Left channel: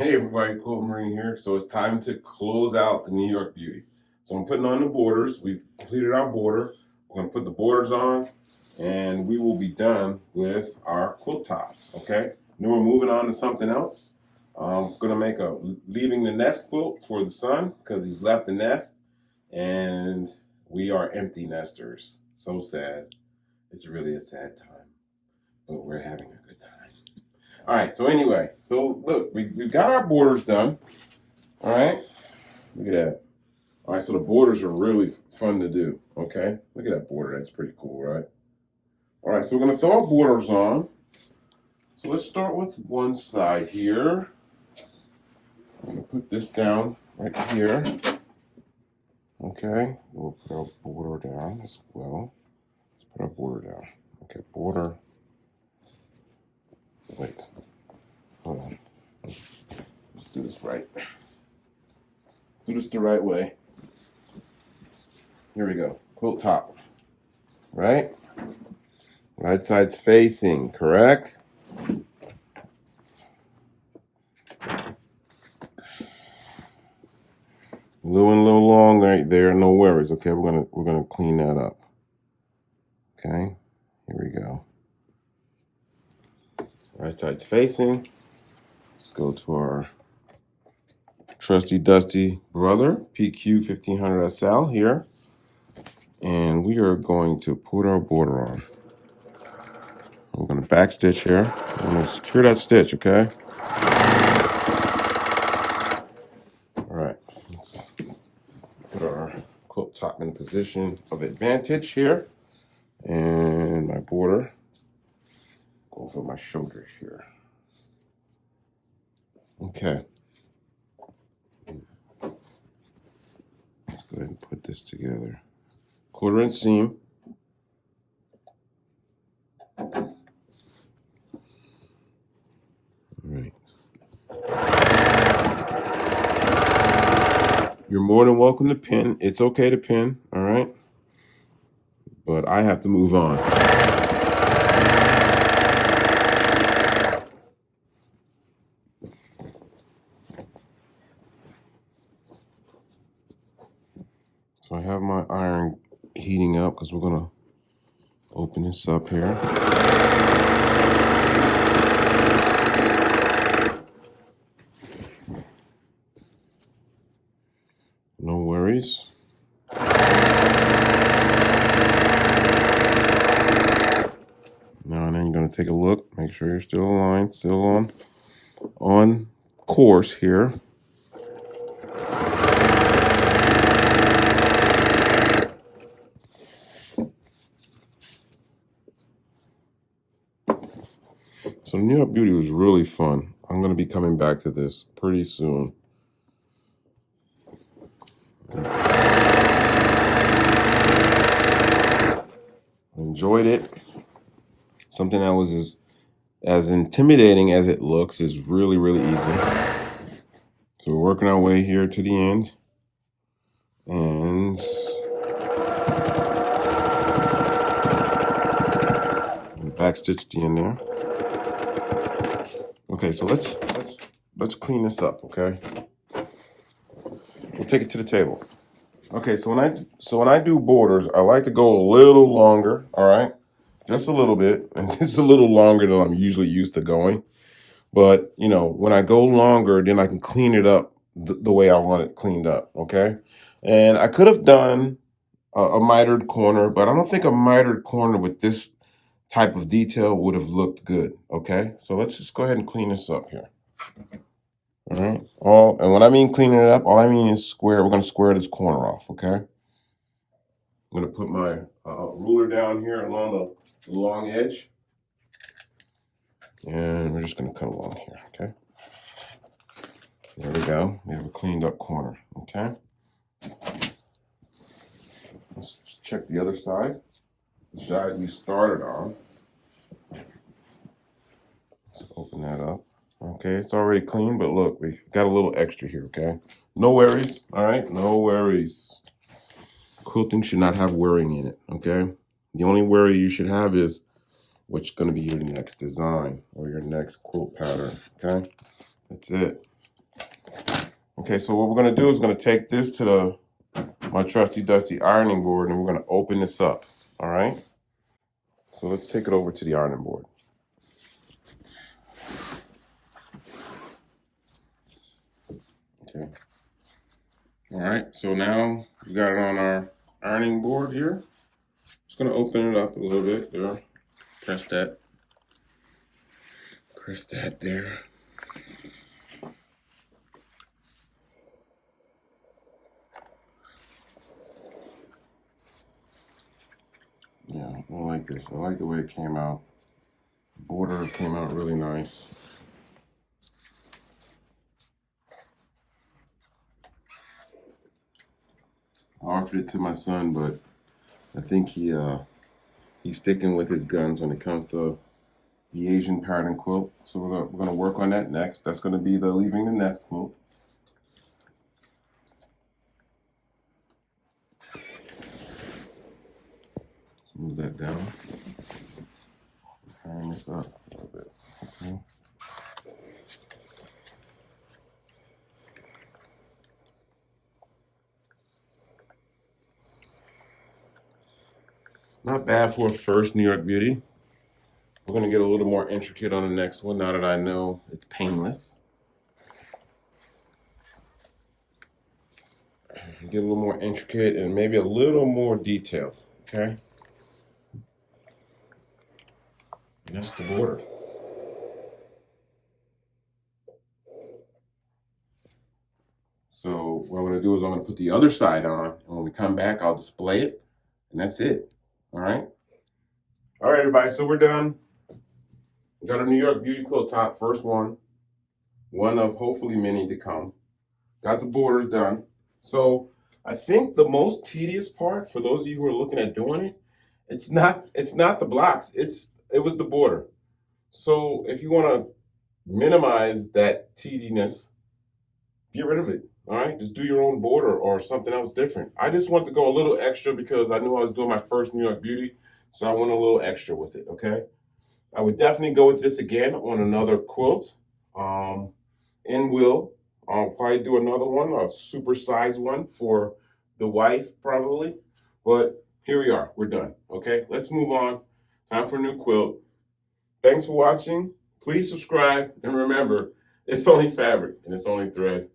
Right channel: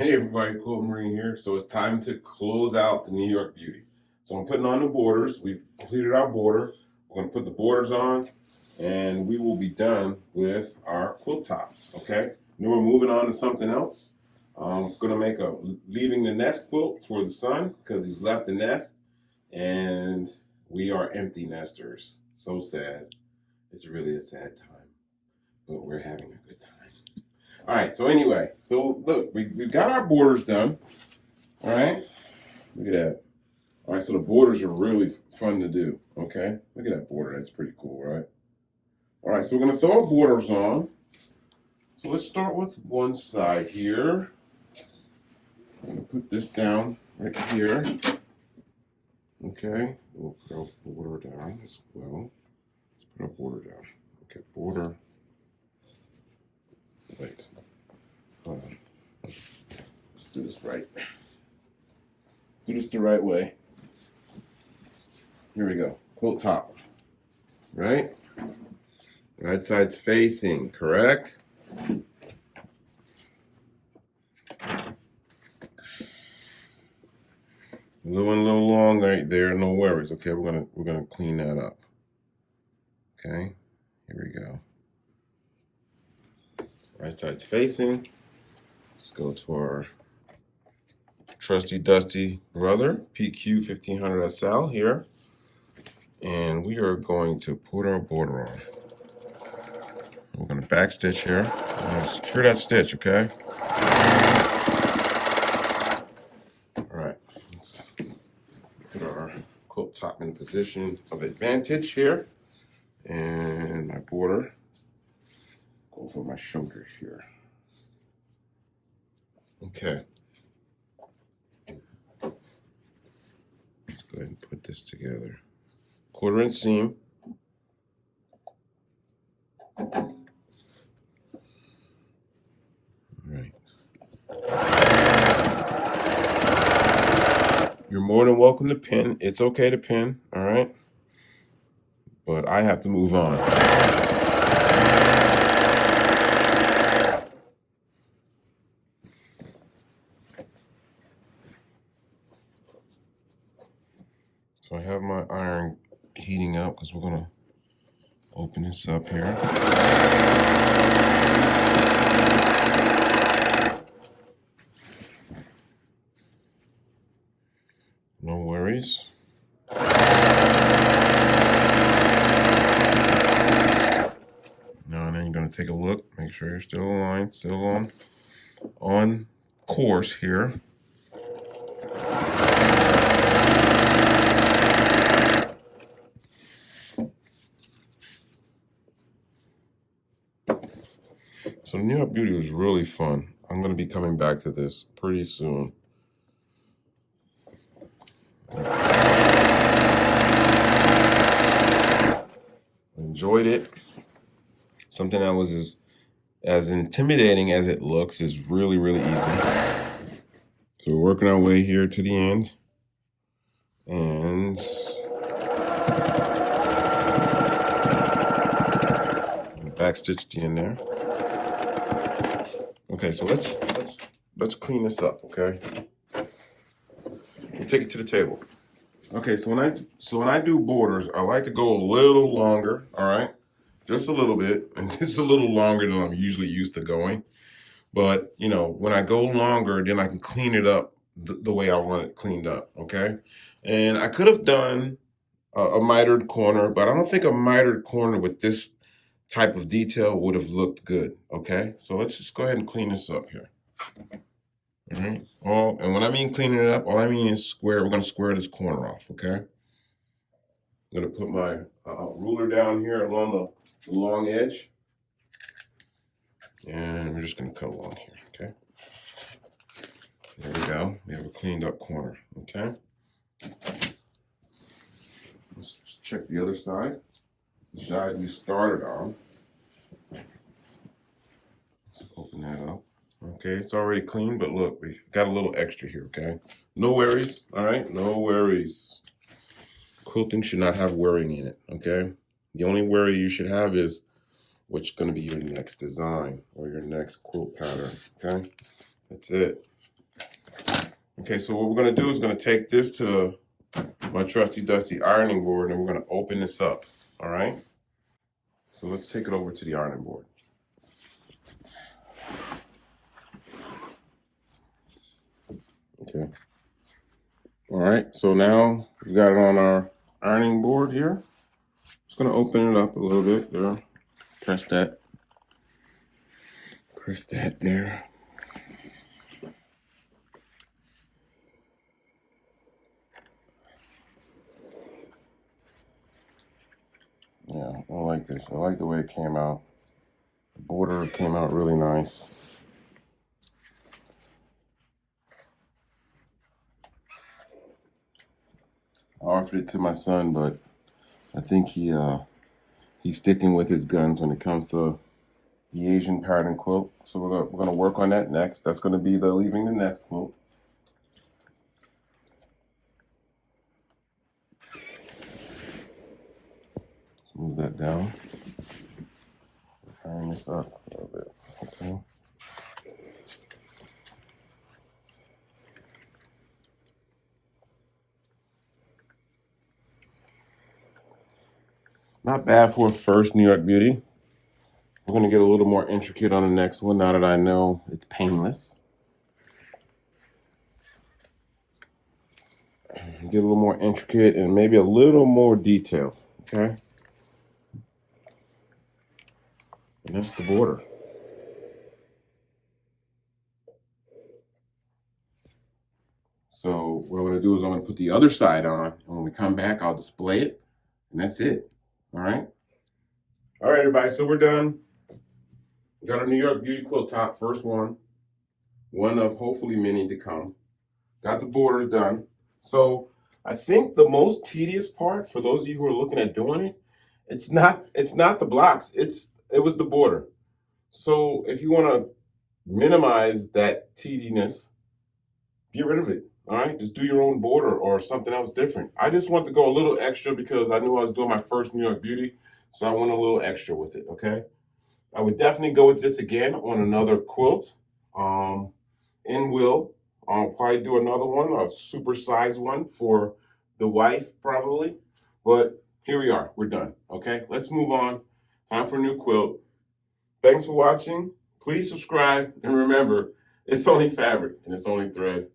Hey everybody, Quilt Marine here. So it's time to close out the New York Beauty. So I'm putting on the borders. We've completed our border. We're going to put the borders on and we will be done with our quilt top, okay? Then we're moving on to something else. I'm going to make a leaving the nest quilt for the son because he's left the nest and we are empty nesters. So sad. It's really a sad time, but we're having a good time. All right, so anyway, so look, we've got our borders done. All right, look at that. All right, so the borders are really fun to do, okay? Look at that border, that's pretty cool, right? All right, so we're gonna throw our borders on. So let's start with one side here. I'm gonna put this down right here. Okay, we'll put our border down as well. Let's put our border down. Okay, border. Wait, hold on. Let's do this right. Let's do this the right way. Here we go. Quilt top. Right? Right side's facing, correct? A little long right there, no worries. Okay, we're gonna clean that up. Okay, here we go. Right side's facing. Let's go to our trusty dusty brother, PQ 1500 SL here. And we are going to put our border on. We're going to back stitch here. We're going to secure that stitch, okay? All right, let's put our quilt top in position of advantage here. And my border, go over my shoulders here. Okay. Let's go ahead and put this together. 1/4 inch seam. All right. You're more than welcome to pin. It's okay to pin, all right? But I have to move on. So I have my iron heating up because we're gonna open this up here. No worries. Now I'm gonna take a look, make sure you're still aligned, still on course here. So New York Beauty was really fun. I'm going to be coming back to this pretty soon. I enjoyed it. Something that was as intimidating as it looks is really, really easy. So we're working our way here to the end. And back stitch the end there. Okay, so let's clean this up, okay? We'll take it to the table. Okay, so when I do borders, I like to go a little longer, all right? Just a little bit, and just a little longer than I'm usually used to going. But, you know, when I go longer, then I can clean it up the way I want it cleaned up, okay? And I could have done a mitered corner, but I don't think a mitered corner with this type of detail would have looked good, okay? So let's just go ahead and clean this up here. All right, and when I mean cleaning it up, all I mean is square. We're gonna square this corner off, okay? I'm gonna put my ruler down here along the long edge. And we're just gonna cut along here, okay? There we go, we have a cleaned up corner, okay? Let's check the other side. The side we started on. Let's open that up. Okay, it's already clean, but look, we got a little extra here, okay? No worries, all right? No worries. Quilting should not have worrying in it, okay? The only worry you should have is what's gonna be your next design or your next quilt pattern, okay? That's it. Okay, so what we're gonna do is gonna take this to my trusty dusty ironing board, and we're gonna open this up. All right. So let's take it over to the ironing board. Okay. All right. So now we got it on our ironing board here. Just gonna open it up a little bit there. Press that. Press that there. Yeah, I like this. I like the way it came out. The border came out really nice. I offered it to my son, but I think he's sticking with his guns when it comes to the Asian pattern quilt. So we're gonna work on that next. That's gonna be the leaving the nest quilt. Let's move that down. Fine this up a little bit. Okay. Not bad for a first New York Beauty. We're gonna get a little more intricate on the next one now that I know it's painless. Get a little more intricate and maybe a little more detailed, okay? And that's the border. So what I'm gonna do is I'm gonna put the other side on, and when we come back, I'll display it, and that's it, all right? All right, everybody, so we're done. We got a New York Beauty quilt top, first one of hopefully many to come. Got the borders done. So I think the most tedious part for those of you who are looking at doing it, it's not the blocks, it was the border. So if you want to minimize that tediness, get rid of it. All right, just do your own border or something else different. I just want to go a little extra because I knew I was doing my first New York Beauty, so I went a little extra with it. Okay, I would definitely go with this again on another quilt. In will, I'll probably do another one, a super size one for the wife probably. But here we are, we're done. Okay, let's move on. Time for a new quilt. Thanks for watching. Please subscribe, and remember, it's only fabric and it's only thread.